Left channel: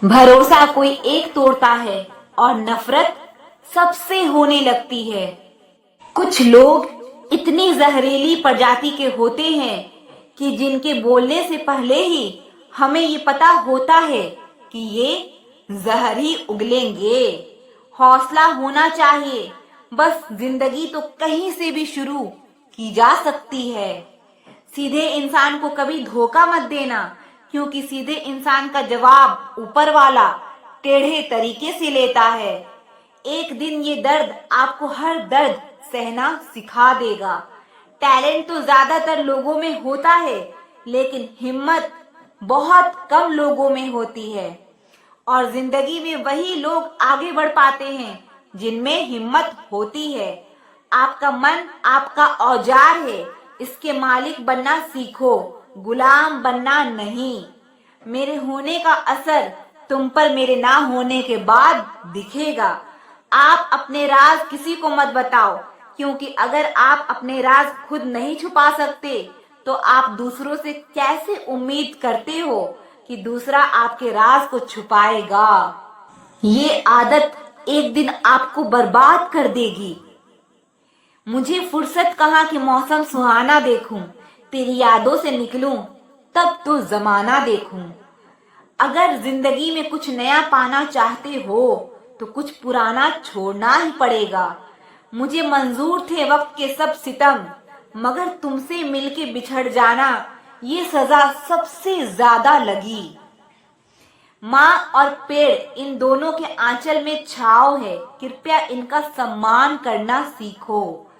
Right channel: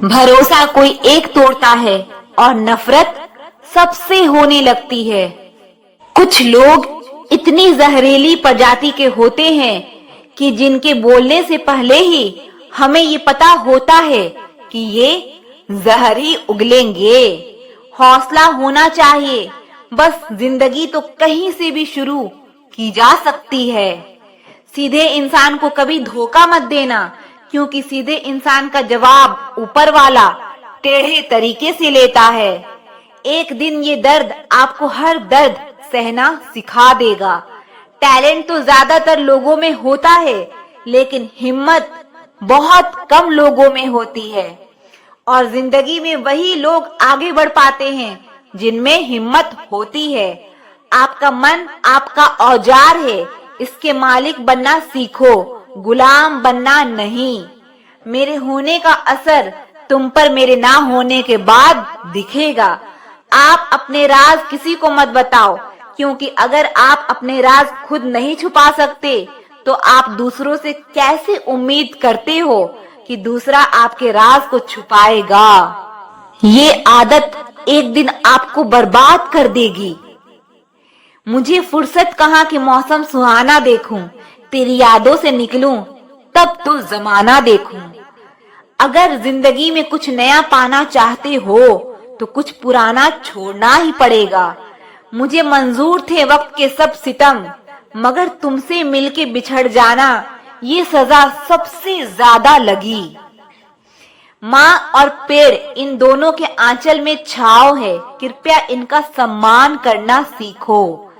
भरोसा कोई एक तोड़ता है और नफरत सबसे होने लगती है। कुछ लोग इतनी जहरीली प्रजाति के होते हैं कि जिनके बोलने से पहले ही हमें ये पता होता है कि ये जहर ही उगलेंगे। हौसला होना चाहिए, बस जिंदगी तो कहीं से भी शुरू की जा सकती है। सीधे इंसान को कभी धोखा मत देना, क्योंकि सीधे इंसान का जवाब ऊपर वाला टेढ़े तरीके से लेता है। एक दिन ये दर्द आपको हर दर्द सहना सिखा देगा। टैलेंट तो ज्यादातर लोगों में होता है, लेकिन हिम्मत बहुत कम लोगों में होती है। और जिंदगी में वही लोग आगे बढ़ पाते हैं जिनमें हिम्मत होती है। आपका मन आपका औजार है, इसके मालिक बनना सीखो, गुलाम बनना नहीं। मेरे होने का असर तुम पर मेरे ना होने के बाद दिखेगा। आप अपने राज किसी को मत बताओ, क्योंकि अगर आप अपने राज खुद नहीं छुपा सकते तो आप दूसरों से कैसे उम्मीद करते हो कि दूसरा आपके राज को छुपाएगा। ये आदत एक दिन आपको बर्बाद कर देगी। मुझे फुर्सत कहाँ कि मौसम सुहाना देखूं, तेरी यादों से निकलूं तब तो जमाना देखूं। अगर जिंदगी में कुछ नया पाना चाहते हो तो कुछ पुराना छोड़ना ही पड़ेगा। मुझे मंजूर थे वक्त के सब सितम, मगर तुमसे मिलके बिछड़ जाना ये सजा सबसे ज्यादा लगी। माँ और पेड़ इन दोनों के आंचल में छाव है, कृपया इनका सम्मान करना सीखो।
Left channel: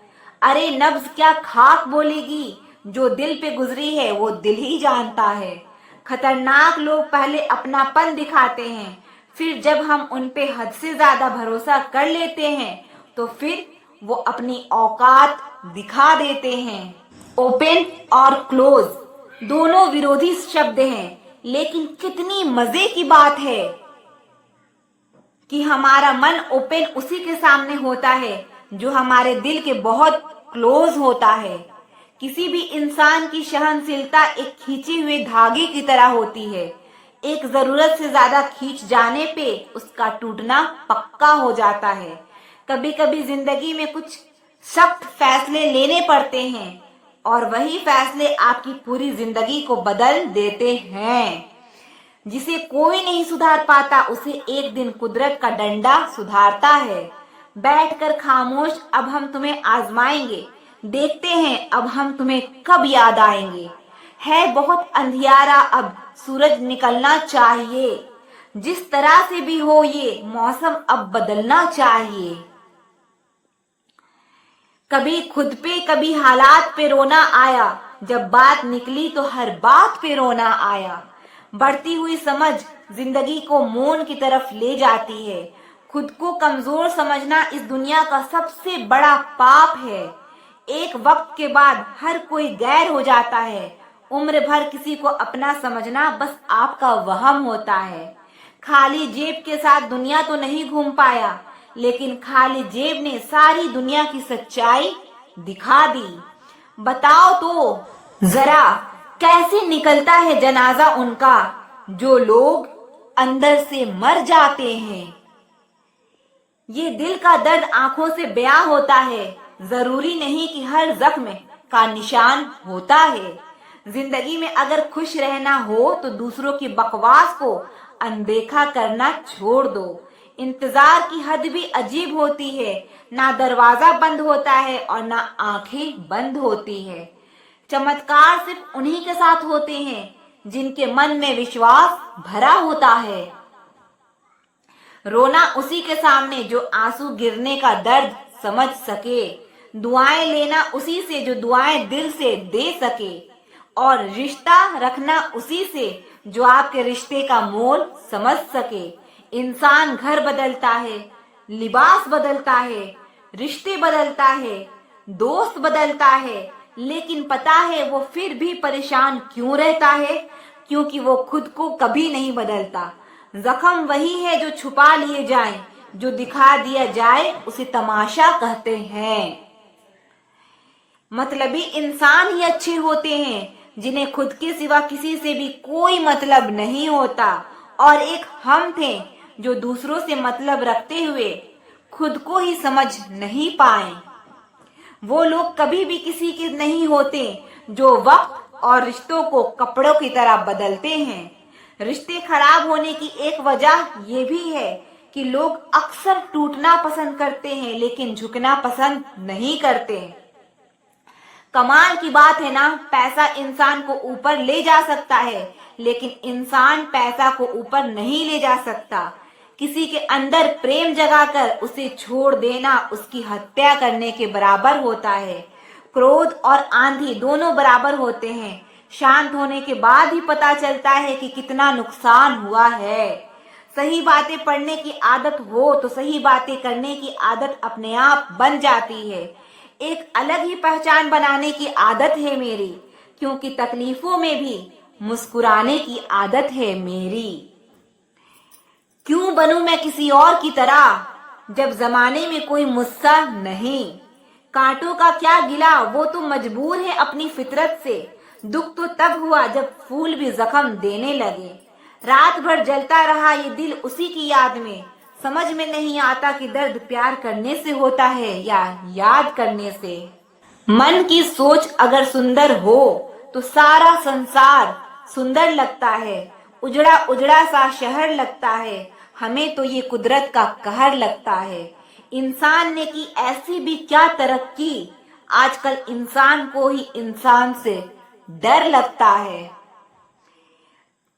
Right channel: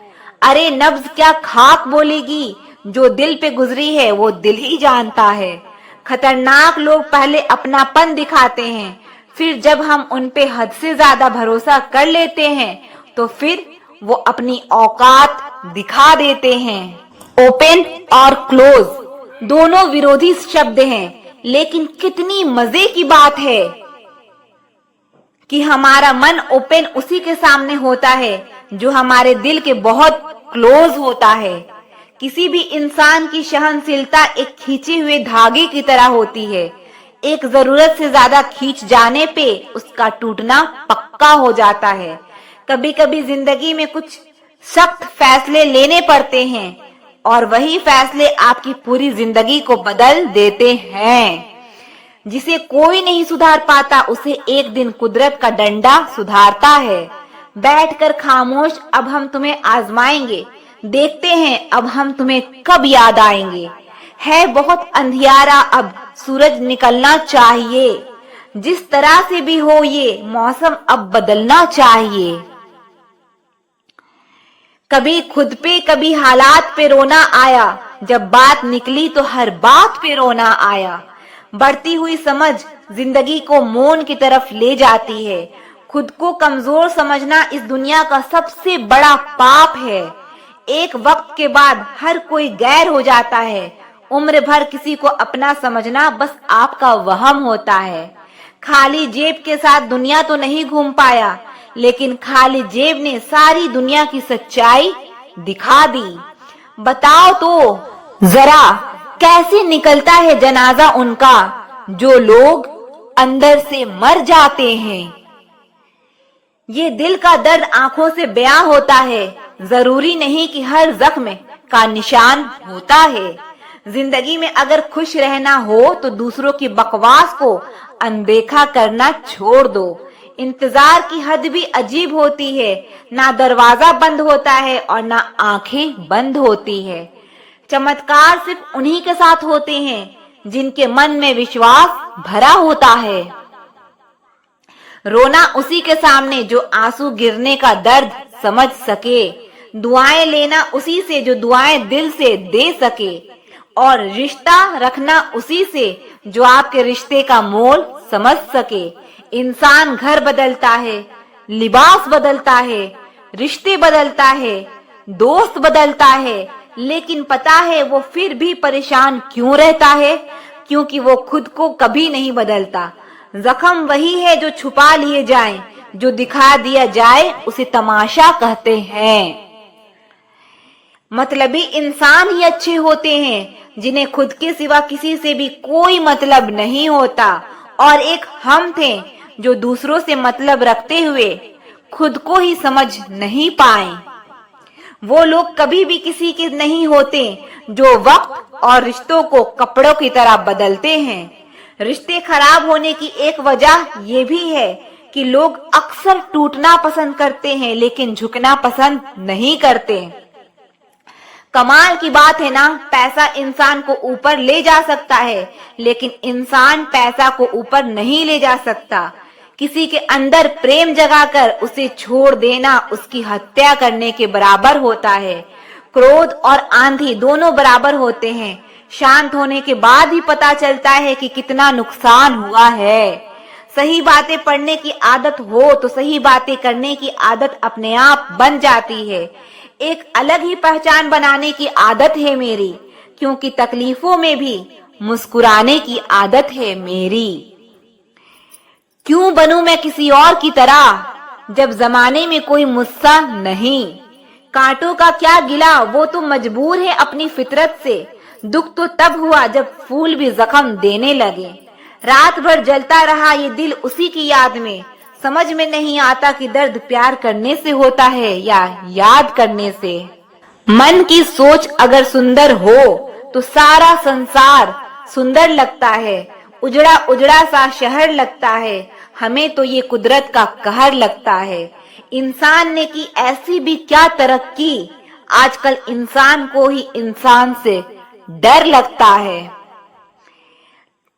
अरे नब्ज क्या खाक बोलेगी, जो दिल पे गुजरी है वो दिल ही जानता है। खतरनाक लोग पहले अपनापन दिखाते हैं, फिर जब हम उन पे हद से ज्यादा भरोसा कर लेते हैं तो फिर वो अपनी औकात दिखा देते हैं। ओपन और क्लोज दोनों विरोधी शब्द हैं, लेकिन कितनी मजे की बात है कि हमारा मन ओपन उसी के सामने होता है जो हमारे दिल के बहुत क्लोज होता है। किसी भी इंसान की सहनशीलता एक खींचे हुए धागे की तरह होती है। एक जरूरत से ज्यादा खींच जाने पे उसका टूटना पक्का हो जाता है। कभी कभी जिंदगी में कुछ सख्त फैसले लेने पड़ते हैं और वही फैसले आपकी पूरी जिंदगी को बदल देते हैं। जिसे कोई नहीं सुधार पाता उसे एक दिन कुदरत का डंडा सुधारता है। बैठकर खामोश अब हम तुम्हें आजमाएंगे, देखते हैं अब हम तुम्हें कब याद आएंगे। है बहुत अंधियारा, अब सूरज निकलना चाहिए। जिस तरह से भी हो ये मौसम अब बदलना चाहिए। कभी खुद पे कभी हालात पे रोना आया, जब बात निकली तो हर बात पे रोना आया। बढ़ती हुई समझ जिंदगी को मौन की तरफ ले जाती है। खुद को कमजोर समझना इस दुनिया का सबसे बड़ा पाप है। एक वक्त के बाद हर कोई गैर हो जाता है। उम्र भर किसी को अपना समझना बस आपका वहम होता है। खाली जेब के साथ दुनिया तो नहीं घूम पाया, लेकिन खाली जेब ने सारी दुनिया की सच्चाई दिखा दी। बताओ तो जरा कैसे निकलता है जनाजा उनका जो लोग अंदर से मर जाते हैं। ये दिल का दर्द आंखों से बयां होता है। जरूरी नहीं कि हर जख्म का निशान होता है। जिंदगी में अगर खुश रहना हो तो दूसरों की बकवास को अनदेखा करना छोड़ दो। इंतजार की हद भी अजीब होती है, ना दरवाजा बंद होता है और ना आंखें बंद होती है। चमत्कार सिर्फ उन्हीं के साथ होते हैं जिनके मन में विश्वास भरा होता है। रोना उसी के सामने जो आंसू गिरने का दर्द समझ सके। दुआएं लेना उसी से जो दुआएं दिल से दे सके। और रिश्ता रखना उसी से जो आपके रिश्ते का मोल समझ सके। इंसान घर बदलता है, लिबास बदलता है, रिश्ते बदलता है, दोस्त बदलता है, लेकिन पता है वो फिर भी परेशान क्यों रहता है? क्योंकि वो खुद को कभी नहीं बदलता। जख्म वही है जो छुपा लिए जाए, जो दिखा दिया जाए उसे तमाशा कहते हैं। मतलबी इंसान ही अच्छे होते हैं जिन्हें खुद के सिवा किसी से भी कोई मतलब नहीं होता। और एक हम थे जो दूसरों से मतलब रखते हुए खुद को ही समझ नहीं पाए। वो लोग कभी भी किसी के नहीं होते जो वक्त और रिश्तों को कपड़ों की तरह बदलते हैं। रिश्ते खराब होने की एक वजह ये भी है कि लोग अक्सर टूटना पसंद करते हैं लेकिन झुकना पसंद नहीं करते। कमाल की बात है ना, पैसा इंसान को ऊपर ले जा सकता है लेकिन इंसान पैसा को ऊपर नहीं ले जा सकता। किसी के अंदर प्रेम जगाकर उसे छोड़ देना उसकी हत्या करने के बराबर होता है। क्रोध और आंधी दोनों बराबर होते हैं। शांत होने के बाद ही पता चलता है कि कितना नुकसान हुआ है। सही बातें पढ़ने की आदत हो तो सही बातें करने की आदत अपने आप बन जाती है। एक अलग ही पहचान बनाने की आदत है मेरी, क्योंकि तकलीफों में भी मुस्कुराने की आदत है मेरी। क्यों बनूं मैं किसी और की तरह जब जमाने में कोई मुझसा नहीं। कांटों का क्या गिला, वो तो मजबूर है अपनी फितरत से। दुख तो तब हुआ जब फूल भी जख्म देने लगे। रात भर जलता रहा ये दिल उसी की याद में। समझ में नहीं आता कि दर्द प्यार करने से होता है या याद करने से। मन की सोच अगर सुंदर हो तो सारा संसार सुंदर लगता है। उजड़ा उजड़ा सा शहर लगता है, हमें तो ये कुदरत का कहर लगता है। इंसान ने की ऐसी भी क्या तरक्की, आजकल इंसान को ही इंसान से डर लगता है।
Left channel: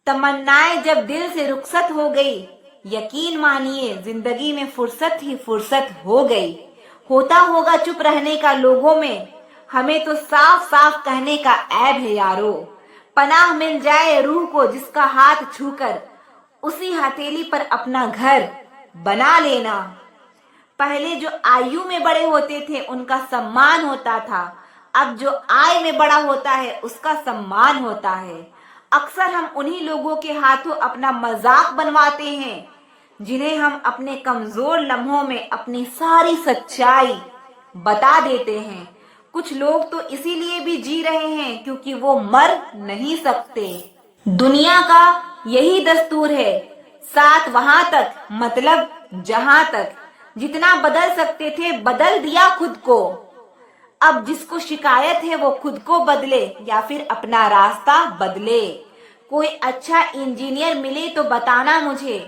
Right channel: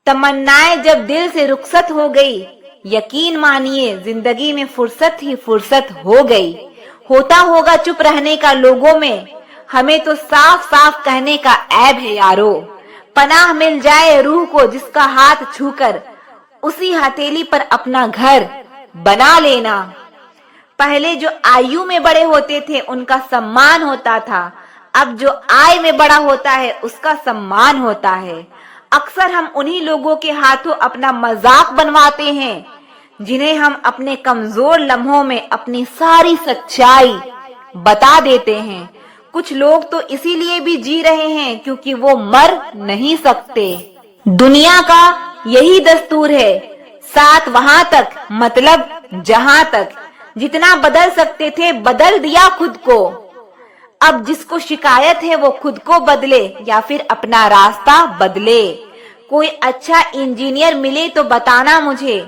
तमन्नाएं जब दिल से रुखसत हो गई, यकीन मानिए जिंदगी में फुर्सत ही फुर्सत हो गई। होता होगा चुप रहने का लोगों में, हमें तो साफ साफ कहने का ऐब है यारो। पनाह मिल जाए रूह को जिसका हाथ छूकर उसी हथेली पर अपना घर बना लेना। पहले जो आयु में बड़े होते थे उनका सम्मान होता था, अब जो आय में बड़ा होता है उसका सम्मान होता है। अक्सर हम उन्हीं लोगों के हाथों अपना मजाक बनवाते हैं जिन्हें हम अपने कमजोर लम्हों में अपनी सारी सच्चाई बता देते हैं। कुछ लोग तो इसीलिए भी जी रहे हैं क्योंकि वो मर नहीं सकते। दुनिया का यही दस्तूर है, साथ वहां तक मतलब जहां तक। जितना बदल सकते थे बदल दिया खुद को। अब जिसको शिकायत है वो खुद को बदले या फिर अपना रास्ता बदले। कोई अच्छा इंजीनियर मिले तो बताना मुझे,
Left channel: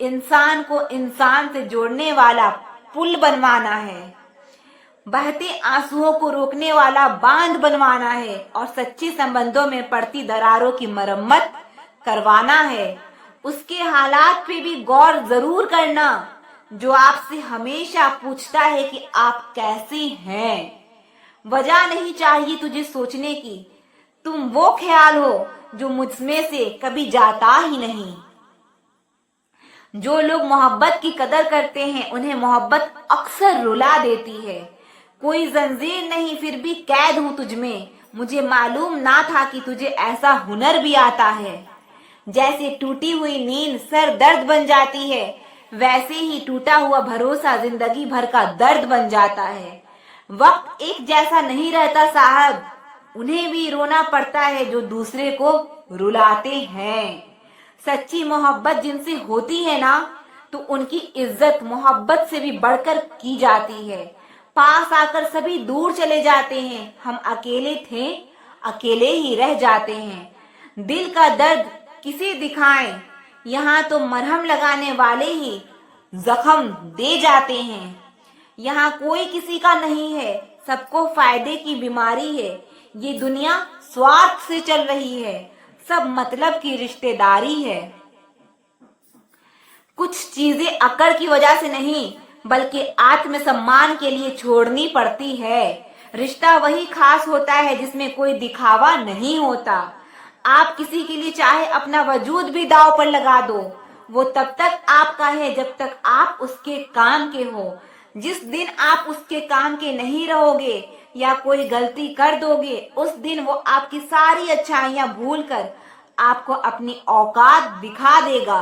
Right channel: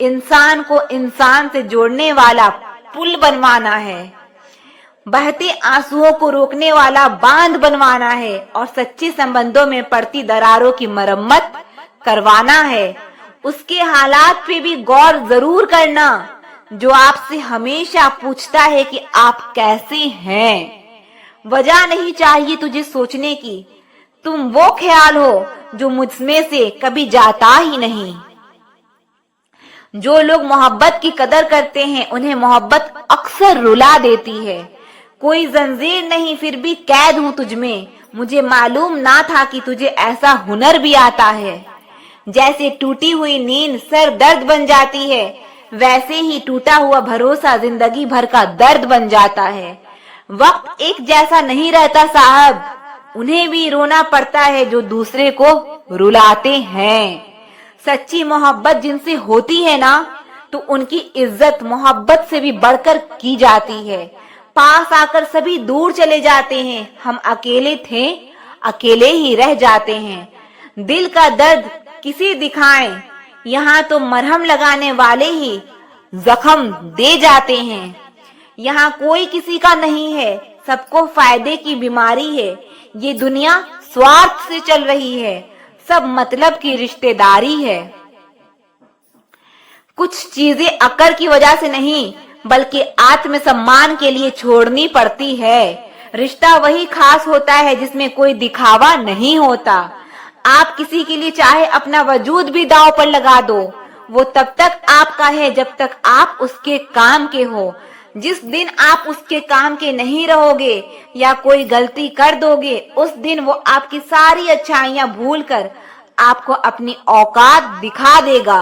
इंसान को इंसान से जोड़ने वाला पुल बनवाना है। बहते आंसुओं को रोकने वाला बांध बनवाना है और सच्चे संबंधों में पड़ती दरारों की मरम्मत करवाना है। उसके हालात पे भी गौर जरूर करना जो आपसे हमेशा पूछता है कि आप कैसे हैं। वजह नहीं चाहिए तुझे सोचने की, तुम वो ख्याल हो जो मुझमें से कभी जाता ही नहीं। जो लोग मोहब्बत की कदर करते हैं उन्हें मोहब्बत अक्सर रुला देती है। कोई जंजीर नहीं फिर भी कैद हूं तुझमें, मुझे मालूम ना था कि तुझे ऐसा हुनर भी आता है। जैसे टूटी हुई नींद सर दर्द बन जाती है, वैसे ही टूटा हुआ भरोसा जिंदगी भर का दर्द बन जाता है। वक्त एक जैसा नहीं रहता साहब, उन्हें भी रोना पड़ता है जो दूसरे को रुलाते हैं। सच्ची मोहब्बत जिनसे होती है ना तो उनकी इज्जत मोहब्बत से भी बढ़कर की जाती है। पास आकर सभी दूर चले जाते हैं, हम अकेले थे अकेले ही रह जाते हैं। दिल का दर्द किसे दिखाएं, यहाँ तो मरहम लगाने वाले ही जख्म दे जाते हैं। यहाँ कोई किसी का नहीं है, सबको फायदे की बीमारी है। ये दुनिया स्वार्थ से चल रही है, सब मतलब की रिश्तेदारी है। कुछ चीजें अक्ल की वजह से नहीं बल्कि आत्मसम्मान के लिए छोड़नी पड़ती है। रिश्ता वही खास होता है जिसमें कोई दिखावा नहीं होता। आप किसी के लिए चाहे अपना वजूद भी दांव पर लगा दो, वो तब तक आपका है जब तक आप उसके काम के हो। जिस दिन आप उसके काम के नहीं रहोगे या कोई गलती कर दोगे, उस दिन वो आपकी सारी अच्छाइयां भूलकर आपको अपनी औकात दिखा देगा।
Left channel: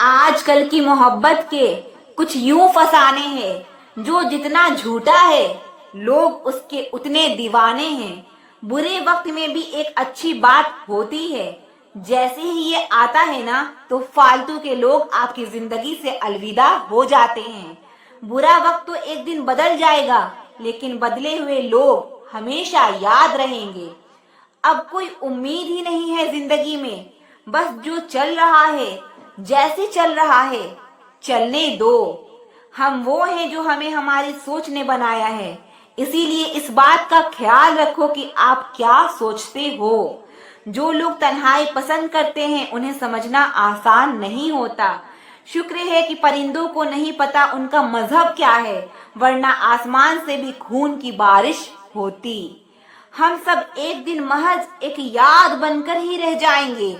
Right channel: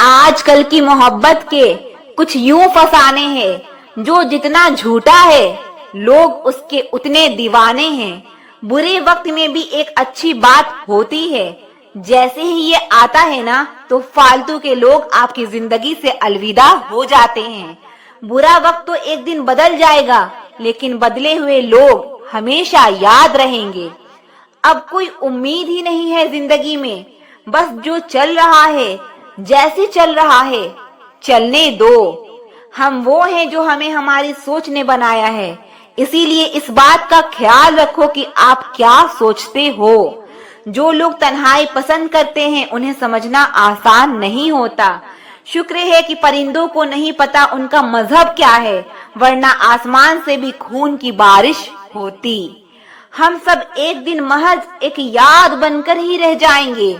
आजकल की मोहब्बत के कुछ यूं फसाने हैं, जो जितना झूठा है लोग उसके उतने दीवाने हैं। बुरे वक्त में भी एक अच्छी बात होती है, जैसे ही ये आता है ना तो फालतू के लोग आपकी जिंदगी से अलविदा हो जाते हैं। बुरा वक्त तो एक दिन बदल जाएगा, लेकिन बदले हुए लोग हमेशा याद रहेंगे। अब कोई उम्मीद ही नहीं है जिंदगी में, बस जो चल रहा है जैसे चल रहा है चलने दो। हम वो हैं जो हमें हमारी सोच ने बनाया है, इसीलिए इस बात का ख्याल रखो कि आप क्या सोचते हो। जो लोग तन्हाई पसंद करते हैं उन्हें समझना आसान नहीं होता। शुक्र है कि परिंदों को नहीं पता उनका मजहब क्या है, वरना आसमान से भी खून की बारिश होती। हम सब एक दिन महज एक याद बनकर ही रह जाएंगे,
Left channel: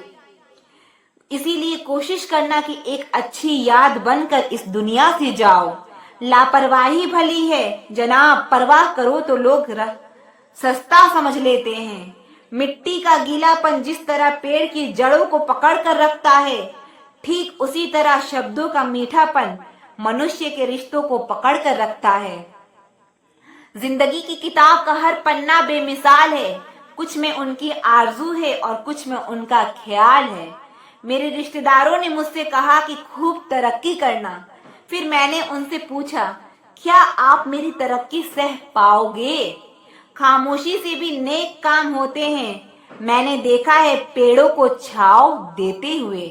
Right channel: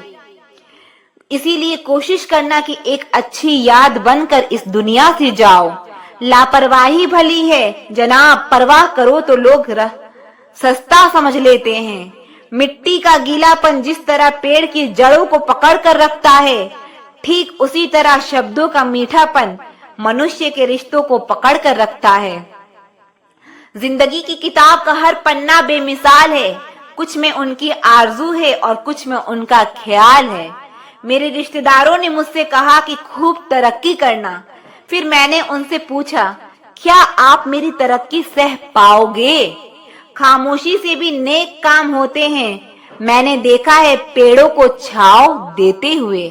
इसीलिए कोशिश करना कि एक अच्छी याद बनकर इस दुनिया से जाओ। लापरवाही भली है जनाब, परवाह करो तो लोग सस्ता समझ लेते हैं। मिट्टी का गीलापन जिस तरह पेड़ की जड़ों को पकड़ कर रखता है, ठीक उसी तरह शब्दों का मीठापन मनुष्य के रिश्तों को पकड़ कर रखता है। जिंदगी की किताब का हर पन्ना बेमिसाल है, कुछ में उनकी आरजू है और कुछ में उनका ख्याल है। मेरे रिश्तेदारों ने मुझसे कहा कि खूब तरक्की करना। फिर मैंने उनसे पूछा, क्या आप मेरी तरक्की सह पाओगे? खामोशी से भी नेक काम होते हैं। मैंने देखा है पेड़ों को छांव देते हुए।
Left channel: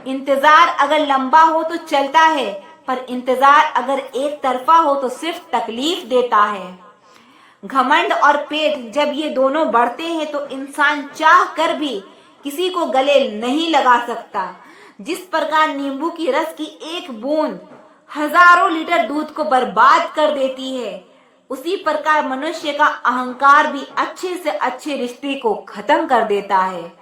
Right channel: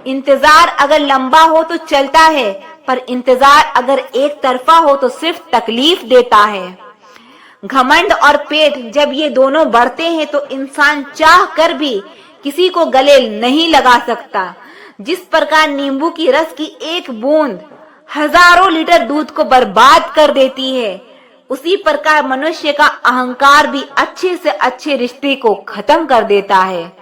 इंतजार अगर लंबा हो तो चलता है, पर इंतजार अगर एक तरफा हो तो सिर्फ तकलीफ देता है। घमंड और पेट जब ये दोनों बढ़ते हैं तो इंसान चाह कर भी किसी को गले नहीं लगा सकता। जिस प्रकार नींबू की रस की एक बूंद हजारों लीटर दूध को बर्बाद कर देती है, उसी प्रकार मनुष्य का अहंकार भी अच्छे से अच्छे रिश्ते को खत्म कर देता है।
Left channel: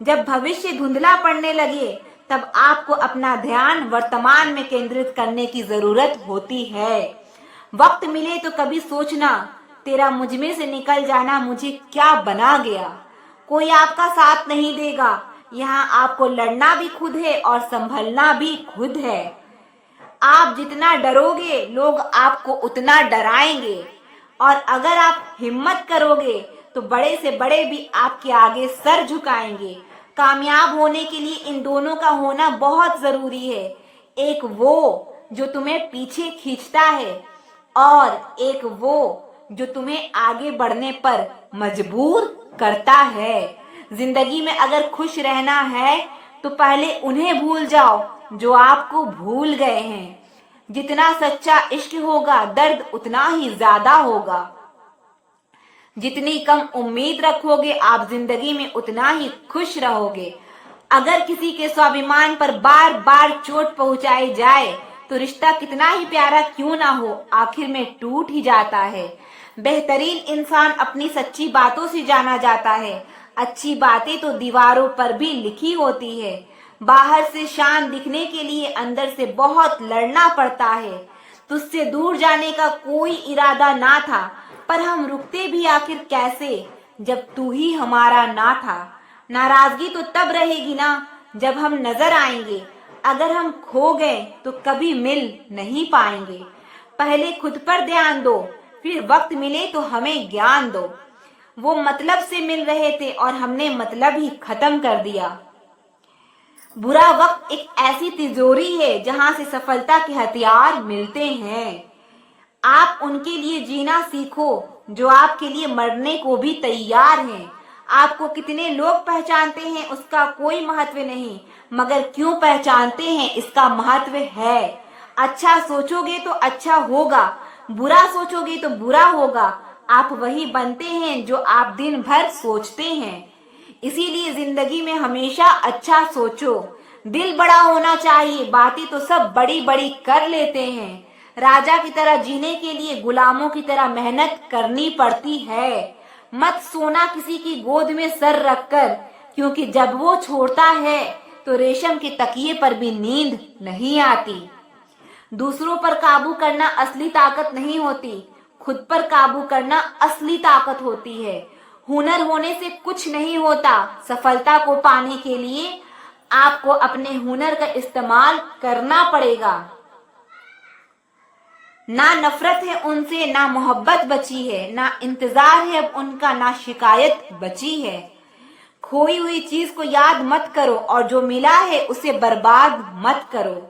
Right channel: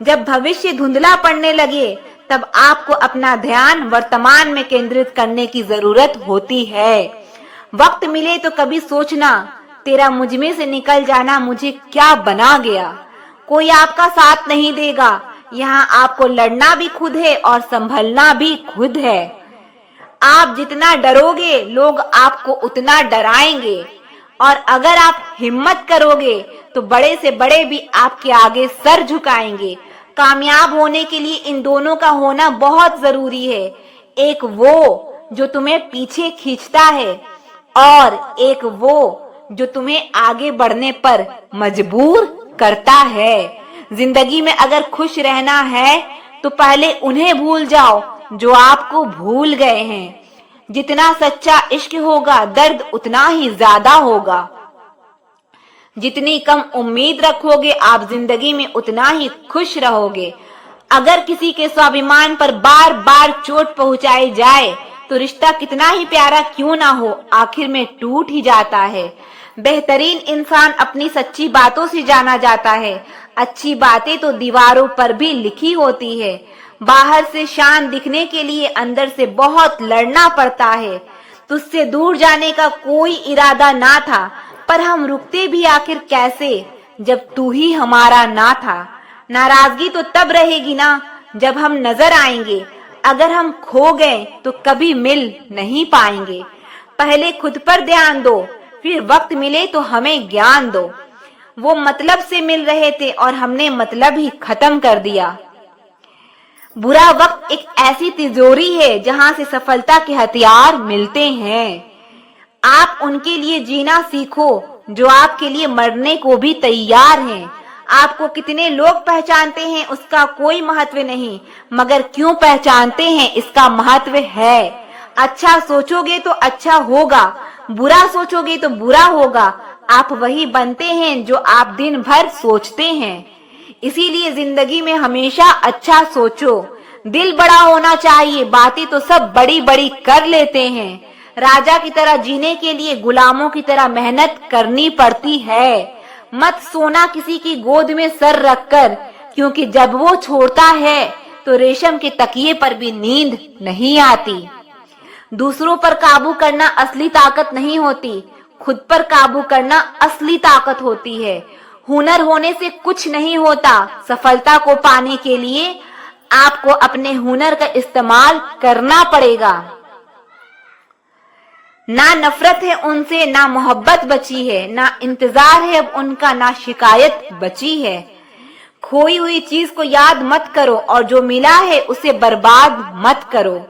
जब भविष्य धुंधला पड़ने लगे तब आपको अपना ध्यान वर्तमान में केंद्रित करने की जरूरत होती है। वक्त मिले तो कभी सोचना, तेरा मुझमें से निकल जाना मुझे क्या बना गया। कोई आपका साथ नहीं देगा, यहाँ आपको लड़ना भी खुद है और संभलना भी खुद है। आप जितना डरोगे लोग आपको उतना डराएंगे, और अगर आप हिम्मत करोगे तो बड़े से बड़े भी आपके आगे सर झुकाएंगे। कामयाब होने के लिए इन दोनों का होना बहुत जरूरी है, एक वो जो तुम्हें पीछे खींचता है और एक वो जो तुम्हें आगे बढ़ने पर मजबूर करता है। जिंदगी में अगर खुश रहना है तो पहले उन्हें भूल जाओ जो आपको भूल गए हैं। जितना सच्चा इश्क होगा दर्द उतना ही ज्यादा होगा। जितनी कम उम्मीद रखोगे आप जिंदगी में उतना ही खुश रहोगे। अगर किसी के स्वाभिमान पर बार बार चोट पहुंचाई जाए तो रिश्ता कितना ही प्यारा क्यों ना हो, आखिर में टूट ही जाता है। बेहतरीन इंसान अपनी सच्ची बातों से जाना जाता है। अच्छी बातें तो दीवारों पर भी लिखी होती है। बाहर से शान दिखने के लिए अंदर से बहुत लड़ना पड़ता है। तुझसे दूर जाने का कोई इरादा ना था, पर हम रुकते भी आखिर कैसे जब तू ही हमारा ना था। नाराजगी तो तब रहेगी ना जब हम नजर आएंगे। अगर हम खो गए तो कभी मिल नहीं पाएंगे। पहले खुद पर ध्यान दो, फिर वक्त मिले तो हमें ज्ञान दो। वो मतलब से मिल रहे थे और हमने मतलब ही खत्म कर दिया। बुरा वक्त एक ऐसी तिजोरी है जहां से सफलता के हथियार मिलते हैं। आप उनके लिए जीना सीखो जो आपके लिए मरने को भी तैयार हैं। आपको कितने लोग पहचानते हैं उसका कोई महत्व नहीं, मगर क्यों पहचानते हैं इसका महत्व है। अच्छा सोचोगे तो अच्छा होगा, बुरा सोचोगे तो बुरा होगा। आप वही बनते हैं जो आप दिन भर सोचते हैं। इसीलिए जिंदगी में हमेशा अच्छा सोचो। दिल बड़ा होना चाहिए, बातें तो सब बड़ी बड़ी कर लेते हैं। राजा की तरह जीने के लिए गुलामों की तरह मेहनत करनी पड़ती है। मत सोना किसी की गोद में सर रखकर, क्योंकि जब वो छोड़ता है तो रेशम के तकिए पर भी नींद नहीं आती। दूसरों पर काबू करना असली ताकत नहीं होती, खुद पर काबू करना असली ताकत होती है। हुनर होने से कुछ नहीं होता, सफलता को पाने के लिए आपको अपने हुनर का इस्तेमाल करना पड़ेगा। ना नफरत है उनसे, ना मोहब्बत बची है, ना इंतजार है अब उनका, ना शिकायत बची है। खोई हुई चीज को याद मत करो और जो मिला है उसे बर्बाद मत करो।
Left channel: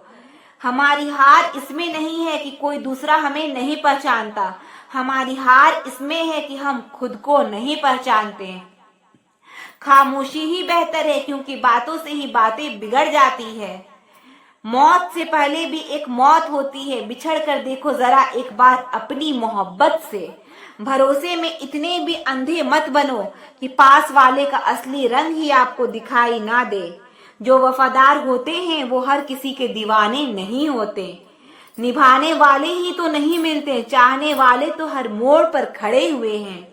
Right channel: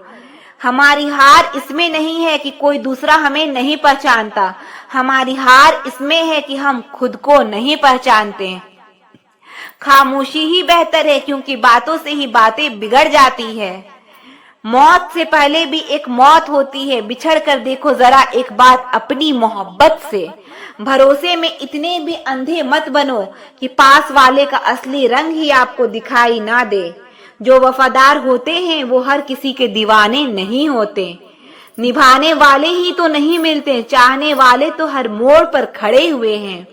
हमारी हार इसमें नहीं है कि कोई दूसरा हमें नहीं पहचानता, हमारी हार इसमें है कि हम खुद को नहीं पहचानते। खामोशी ही बेहतर है क्योंकि बातों से ही बातें बिगड़ जाती है। मौत से पहले भी एक मौत होती है, बिछड़ कर देखो जरा एक बार अपनी मोहब्बत से। भरोसे में इतने भी अंधे मत बनो कि पास वाले का असली रंग ही आपको दिखाई ना दे। जो वफादार होते हैं वो हर किसी के दीवाने नहीं होते। निभाने वाले ही तो नहीं मिलते, चाहने वाले तो हर मोड़ पर खड़े हुए हैं।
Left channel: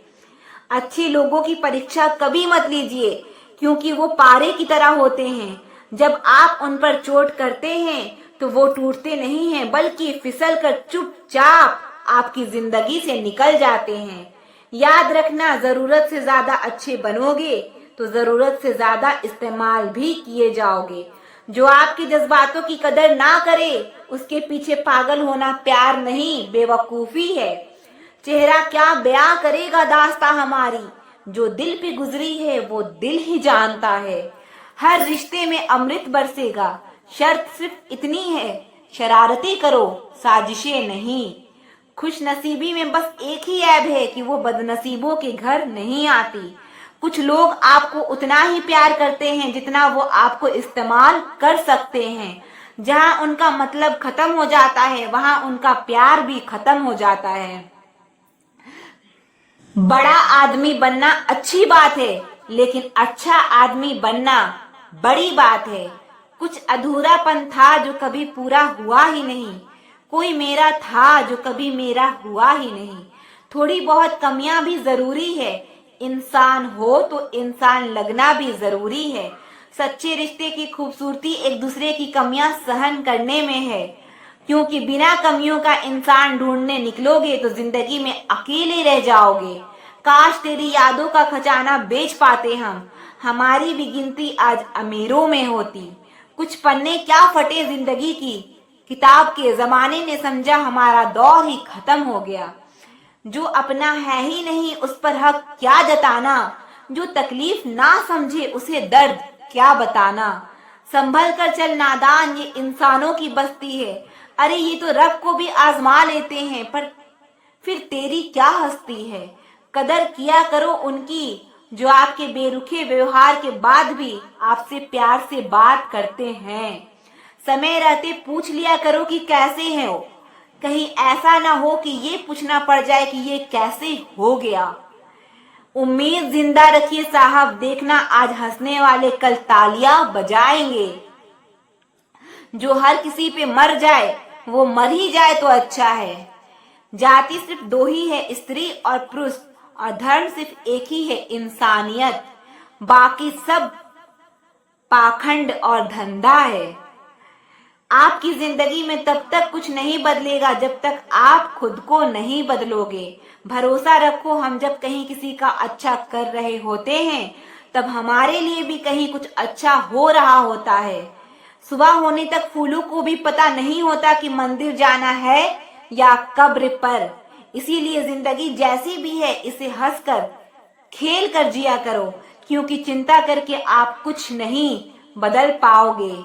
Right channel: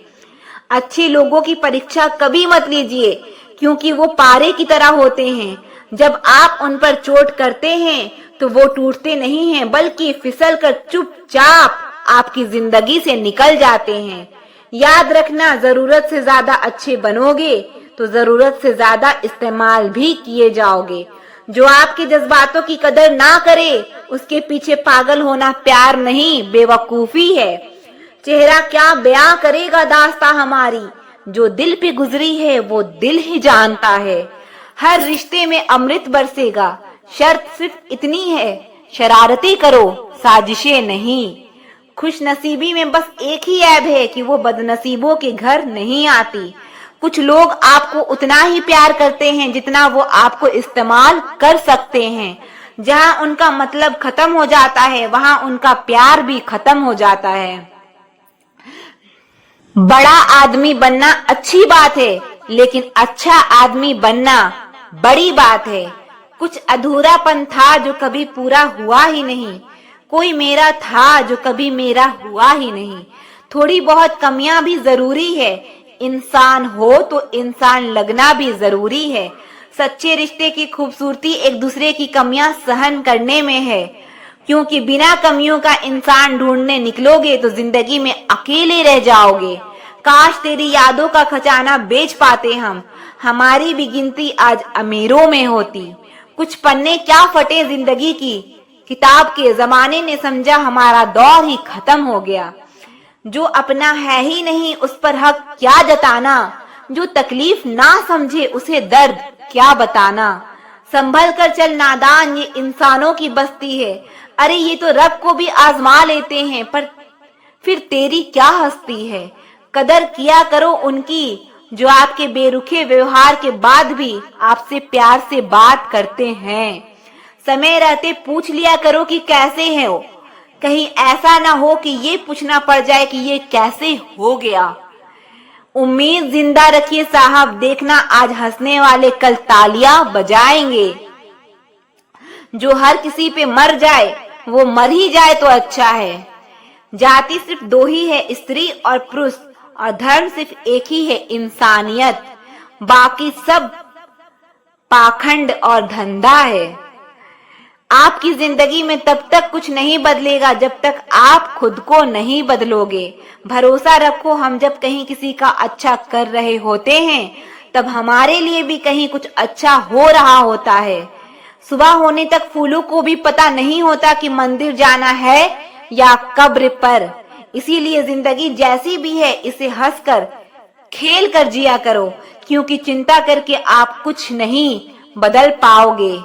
अच्छे लोगों की परीक्षा कभी मत लीजिए क्योंकि वो पारे की तरह होते हैं। जब आप उन पर चोट करते हैं तो वो टूटते नहीं हैं बल्कि फिसल कर चुपचाप आपकी जिंदगी से निकल जाते हैं। याद रखना, जरूरत से ज्यादा अच्छे बनोगे तो जरूरत से ज्यादा इस्तेमाल भी किए जाओगे। जो आपके जज्बातों की कदर ना करे उसके पीछे पागल होना प्यार नहीं बेवकूफी है। चेहरा क्या बयां करेगा दास्तां हमारी, जो दिल पे गुजरी है वो दिल ही जानता है। हर रिश्ते में अमृत बरसेगा, शर्त सिर्फ इतनी है शरारतें करो साजिशें नहीं। खुश नसीबी में बस एक ही ऐब है कि वो बदनसीबों के घर नहीं आती। कुछ लोग आपको उतना ही प्यार करते हैं जितना वो आपको इस्तेमाल कर सकते हैं। जहां उनका मतलब खत्म हो जाता है वहां उनका प्यार भी खत्म हो जाता है। बड़ा आदमी बनना अच्छी बात है लेकिन अच्छा आदमी बनना बड़ी बात है। कुछ अधूरापन था जो कभी पूरा हुआ ही नहीं, कोई मेरा था जो कभी मेरा हुआ ही नहीं। थोड़ी बहुत कमियां भी जरूरी है, इंसान हो तो इंसान लगना भी जरूरी है। सच्चे रिश्ते की खूबसूरती एक दूसरे की कमियां सहन करने में है, क्योंकि बिना कमियों का इंसान ढूंढने निकलोगे तो जिंदगी में अकेले रह जाओगे। काश तेरी यादों का खजाना बेच पाते हम, हमारी भी गिनती आज अमीरों में होती। कुछ पन्ने क्या फटे जिंदगी की किताब के, जमाने ने समझा हमारा दौर ही खत्म हो गया। जो अपना है ही नहीं उस पर हक क्या जताना, जो तकलीफ ना समझे उसे दर्द क्या बताना। संभल कर चल नादान, ये इंसानों की बस्ती है। अरे ये तो रब को भी आजमा लेते हैं, पर फिर तेरी क्या हस्ती है। कदर किया करो उनकी जो आपके बेरुखे व्यवहार के बाद भी आपसे प्यार से बात करते हैं। समय रहते पूछ लिया करो कि कैसे हैं वो, कहीं ऐसा ना हो कि ये पूछना पड़ जाए कि ये कैसे हो गया। उम्मीद जिंदा रखिए साहब, देखना आज हंसने वाले कल तालियां बजाएंगे। जो हर किसी पे मर जाए वो मर ही जाए तो अच्छा है। जाति सिर्फ दो ही है, स्त्री और पुरुष, और धर्म सिर्फ एक ही है, इंसानियत। बाकी सब पाखंड और धंधा है। आपकी जिंदगी में तब तक कुछ नहीं बदलेगा जब तक आप खुद को नहीं बदलोगे। भरोसा रखो, हम जब कहीं किसी का अच्छा कर रहे होते हैं तब हमारे लिए भी कहीं कुछ अच्छा हो रहा होता है। सुबह होने तक फूलों को भी पता नहीं होता कि मंदिर जाना है या कब्र पर। इसीलिए जिंदगी जैसी भी है इसे हंसकर खेल कर जिया करो, क्योंकि चिंता करके आप कुछ नहीं बदल पाओगे।